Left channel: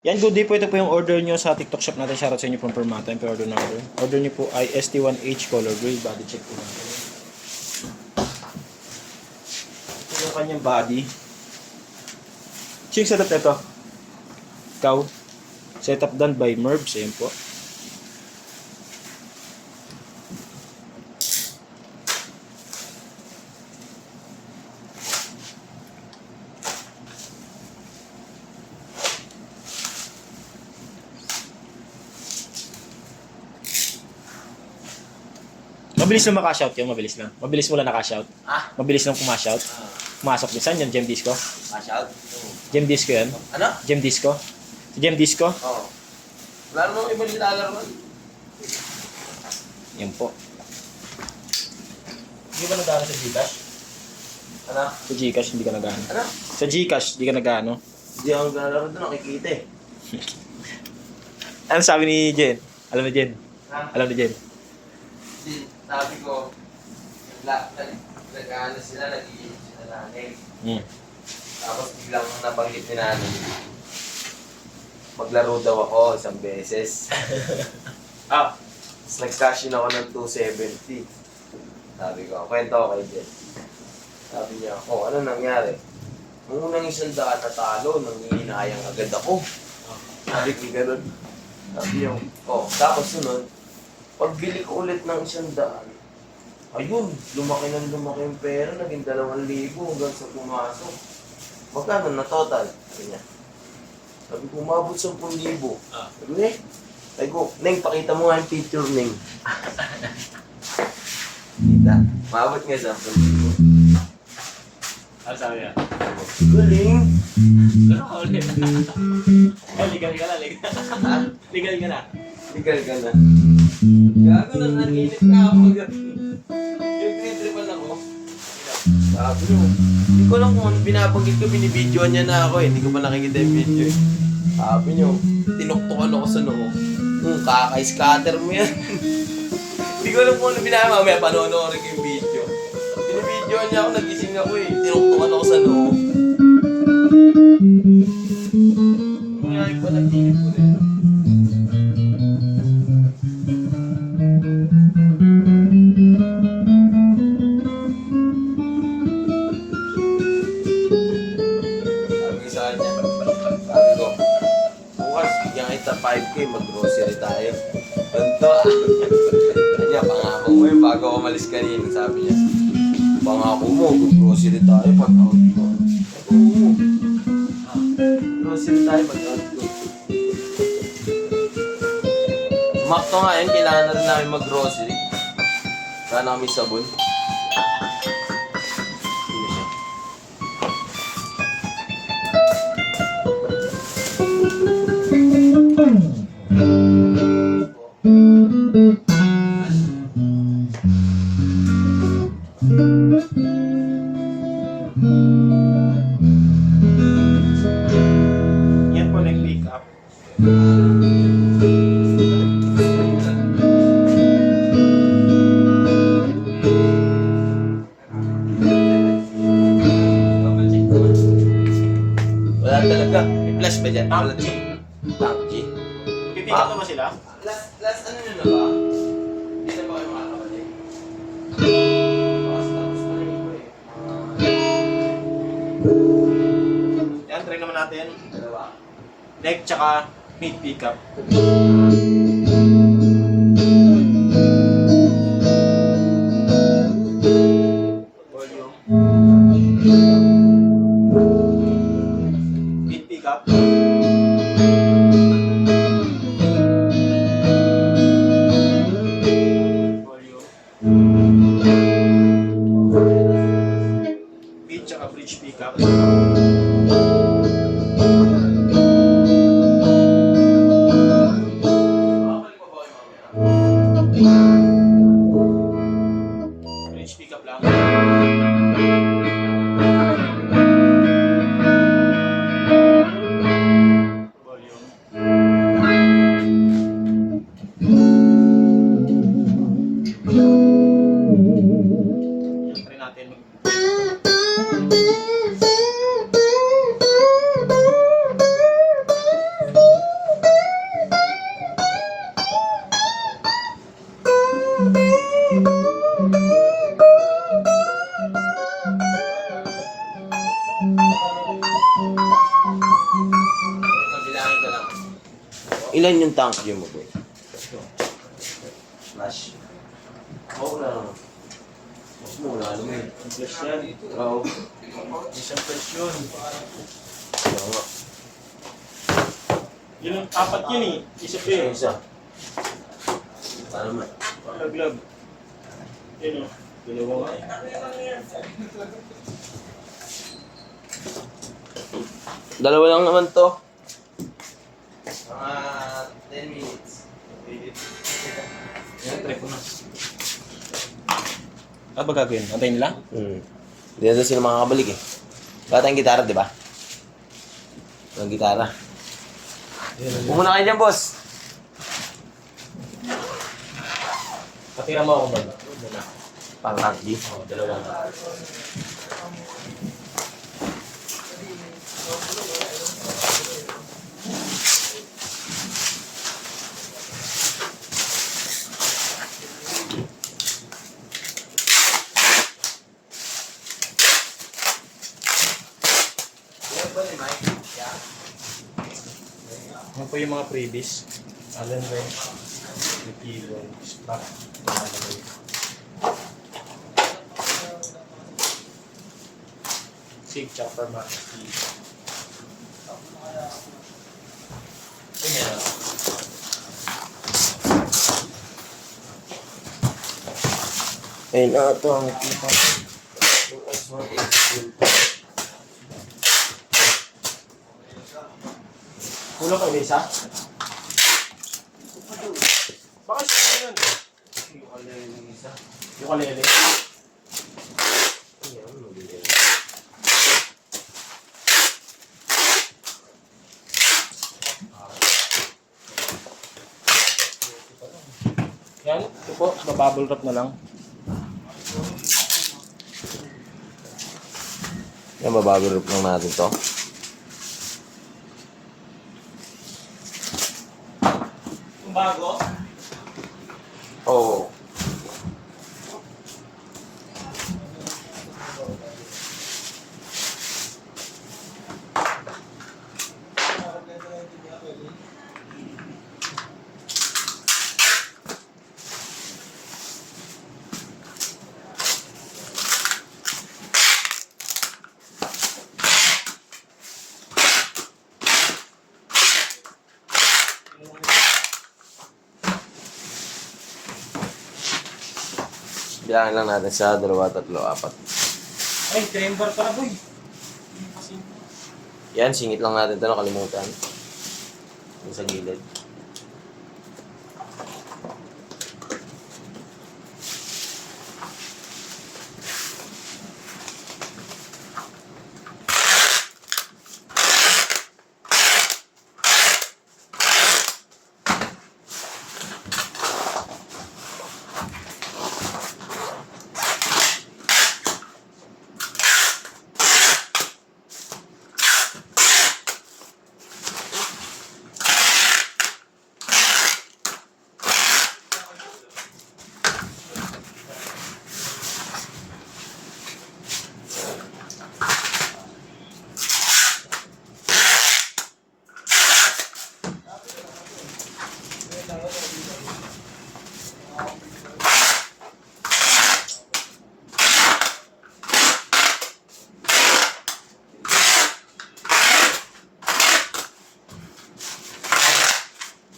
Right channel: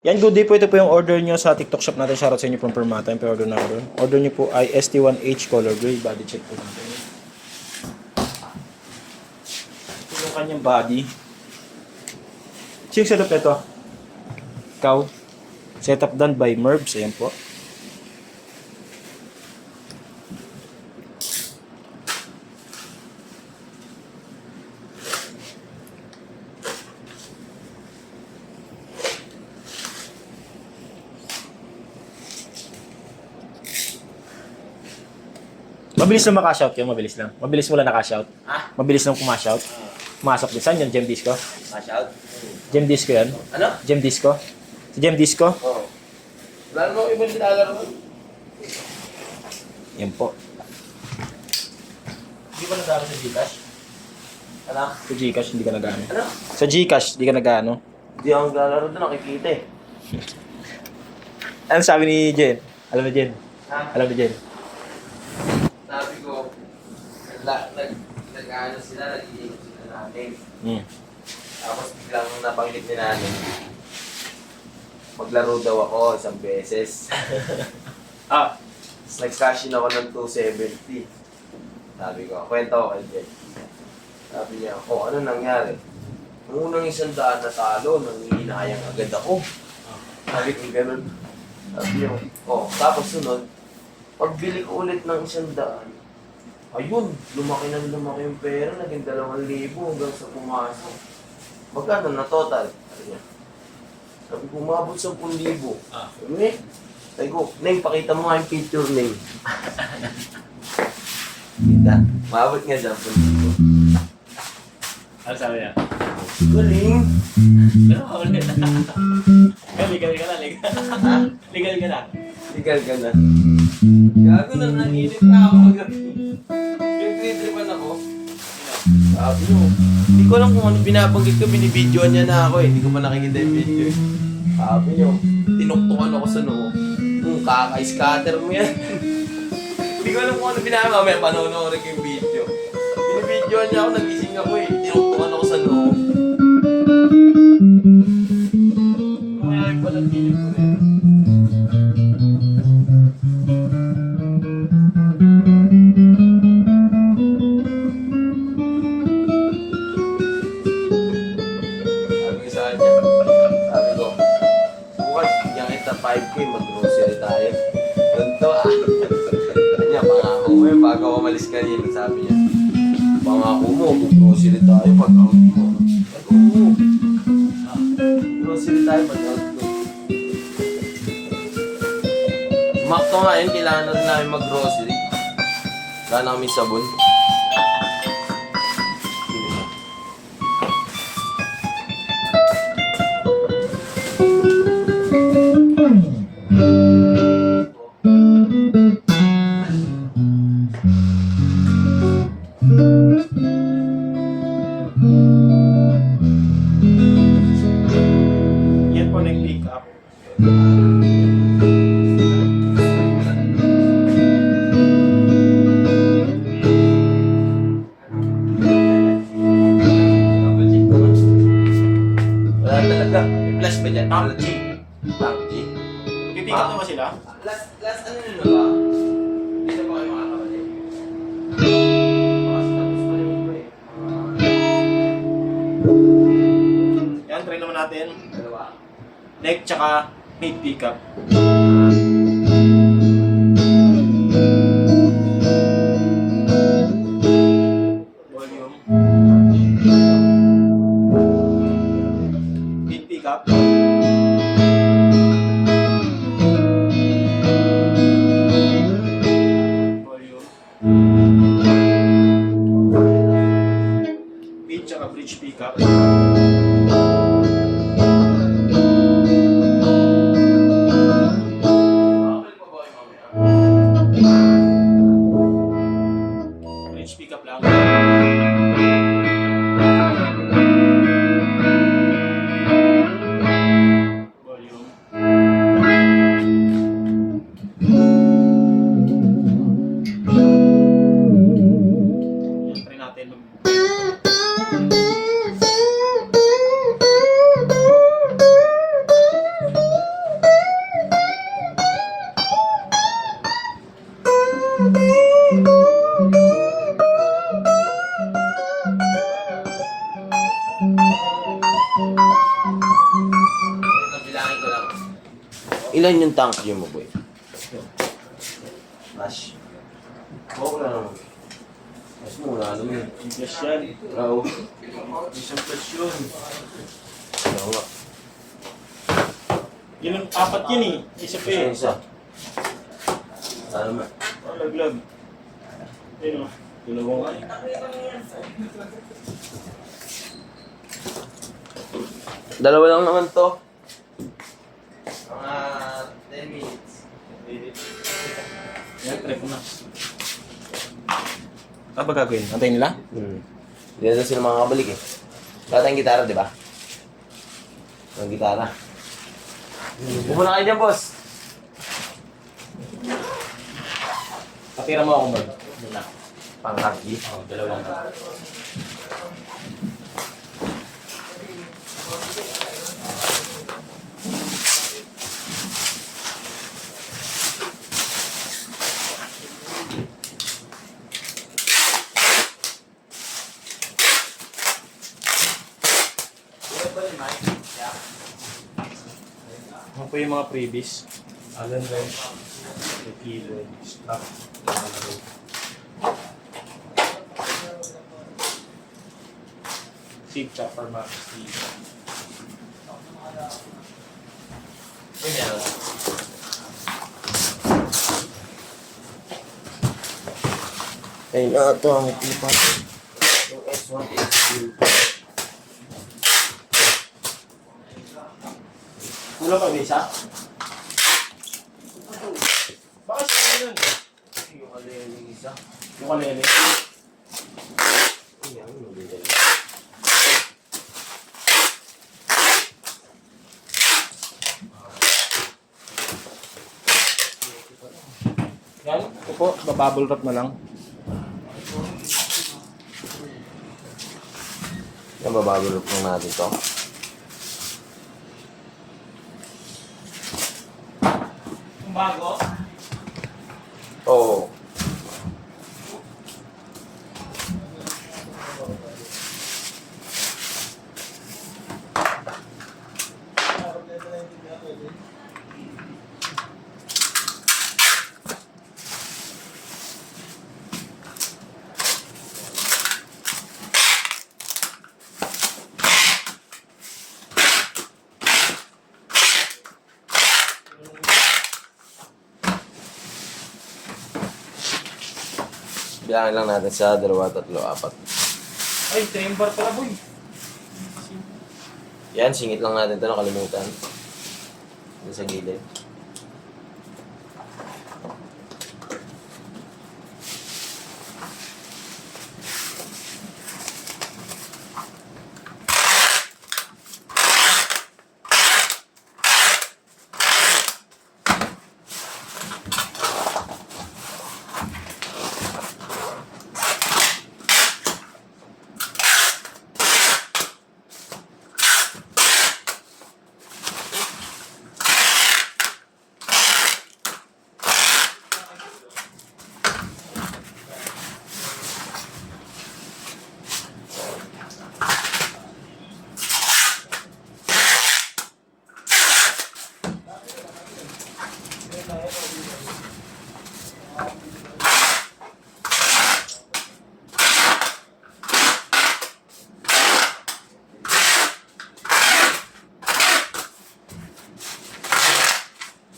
Yan, good day po. Ito po yung order nyo sa TikTok shop natin. Shoutout sa inyo from Permata. Yung order na order. Order nyo po ay ST1H color gray. Body check po natin. Ito yung kanyang body. Ching setup ito. Ikaw. Setup done by Merbs. Ayan po. Mabilis lang maka-cash out yun, mabilis lang. Mabilis mo lang na-cash out. Ah? Mabilis lang pumash out. Pumasok din. Saan yun? Gem Disco? Cash out? Gem Disco yan? Ano? Gem Disco? Sa Gem Disco? Oo. Wala mo ibang nilalaro mo. Yan po. Hindi ba nagano sa Gcash? Ano? Sa Gcash, hindi ka nagano. Ano? Sa Gcash, hindi ka nagano. Hindi ako naglalaro doon, nakikita eh. Ano sabi ni Jen? Alam ni Jen? Ha? Alam ni Jen? Sabi ko, nag-ano sila, nag-iim sila natin. Tapos biglang nabanggit ni nanin. Maglaro daw ako isang beses. Tapos nag-cash in ako ng 270. Sabi ko, kwento ko kay Jen. Sabi niya, ano nangyari? Nung unang 100 na talo, nangihinayang agad ako. Sabi ko gano'n. Sabi niya, tapos sunod, pagbili ko ulit ng 100, ayun, lumaki yung pera, naging 2,000 hanggang sa pumasok. Magkano na total? Sabi niya. Sabi ko, umabot 10,000. Sabi ko, Neng, pakita mo nga yung picture, Neng. Kita, umabot nga 10,000. Ano sabi niya? Galing! Pero ulit. Legal ka na, legal. Legal ka na. Legal ka na. Gago na, nanginip na ako magabi. Pinag-tripan ako. Sabi mo, hindi ko alam kung ano binabanggit ko, binibidyoan niya na ako eh. Hindi ko pa nakikita yung video eh. Sabi niyo, tinuktukan ako sa noo. Kaka-scatter mo yan. Hindi ko alam kung ano binabanggit. Mamaya panonoorin ko yung video. Binibidyoan niya ako, nagising ako eh. Tinuktukan ako sa noo. Mayayag pa ng video ko rin. Bukas, bigyan kita 5K, mag-grocery tayo. Ganto. Kanya, pangako mo yun bago ako malis kanina, sabi niya. Pangako mo, mag-grocery tayo pag out mo. Oo. Grocery tayo pag out mo. Makto nga yun, kailangan na rin namin mag-grocery. Wala na kami sabon. Yan po nag-pick up. Wala talaga. May plus ba dyan? PUBG. PUBG. Pipick up na ba sila? Last ano nyo na ba? Hindi na ba kayo makakabalik? Yan, try naman natin. Dalawa. Neck tsaka mid pick up. Volume. Mid pick up. Volume. Mid tsaka bridge pick up. bilangin ko lang. Ilan yung tank nyo mo, boy? Flash. Oo na naman. Mas muna, alam mo yun. Yung flash yan. Oo. Isang flash yun. Oo nga. Yun ang apat yun eh. Isa pa eh. Isa. Ano man? Oh, laglag. Yun o. Dalawa nga eh. Dalawa lang naman to. Mga 10 minutes. Yan, try ko na. Ano ba gagawin? Antayin nila? Hindi na sila makakabalik eh. Wala tayong gitara, di ba? Walang gitara. Bumuna kayo dyan, boss. Patira mo ako mag. Muna. Pang rugby. Oo, dalawang. Ano po yung mga freebies? Allen wrench, the keyboard, strap, seat chopper, max steel. Ayun na ito ang ipa. Yung S1 is fuel. Kulang pa ba isa? Baka siya yun. Yung alin yung isa. Yung kalele. Ayan, mabili. Yan, ito po, babubble wrap na lang. Yan, babagulop lang natin to. Yung bago? Oo. Bilangin lang natin sa 2, 3, 4. Ay, chamber pala boy. Yan, singit lang natin ito, nakalimutan. Dito sa gilid.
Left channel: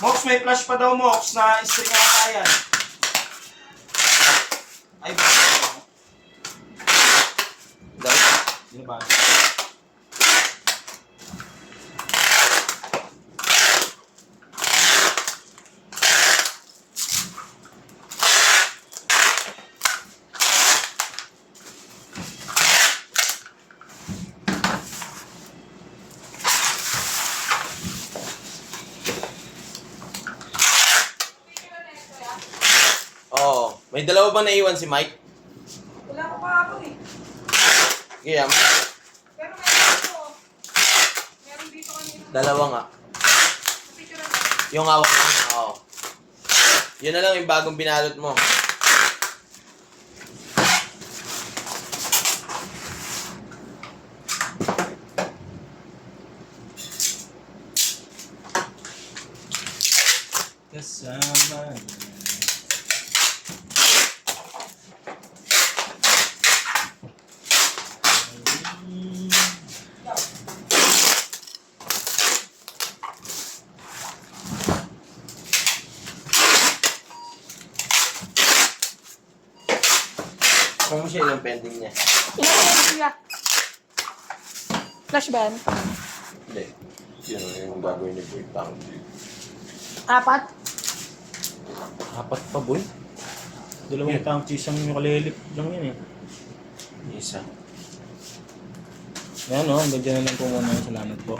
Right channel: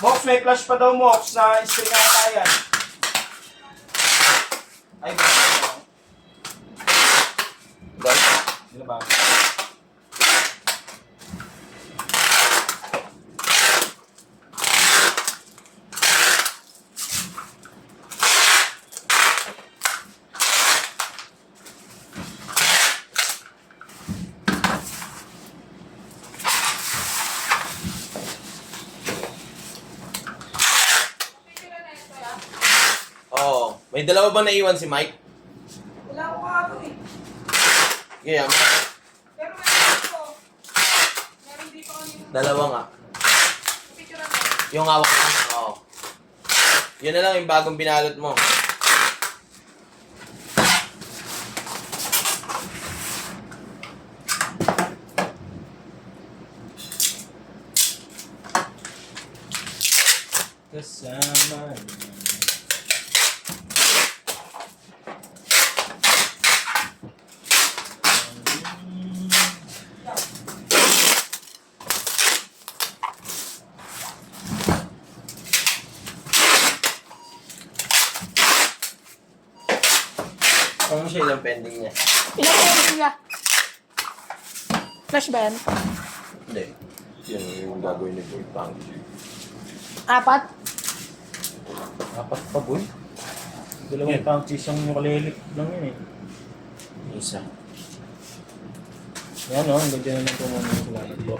Mox, may flash pa daw Mox na string na katayan. Ay, ba? Guys, Sino ba? oo. May dalawa bang naiwan si Mike? Wala ko kahapon eh. Kaya, Pero meron dito. Meron dito kanina. dalawa nga. Picture na. Yung hawak mo. Oo. Yun na lang yung bagong binalot mo. kasama. Kung siya yung pending niya. Ilang meron niya? Flash ba yan? Hindi. Yan yung gagawin ni Boy Pang. 4? Apat pa, boy. Dalawang tang cheese ang nakalalip lang yan eh. Isa. Yan o, hanggang dyan na lang kung ano yung salamat po.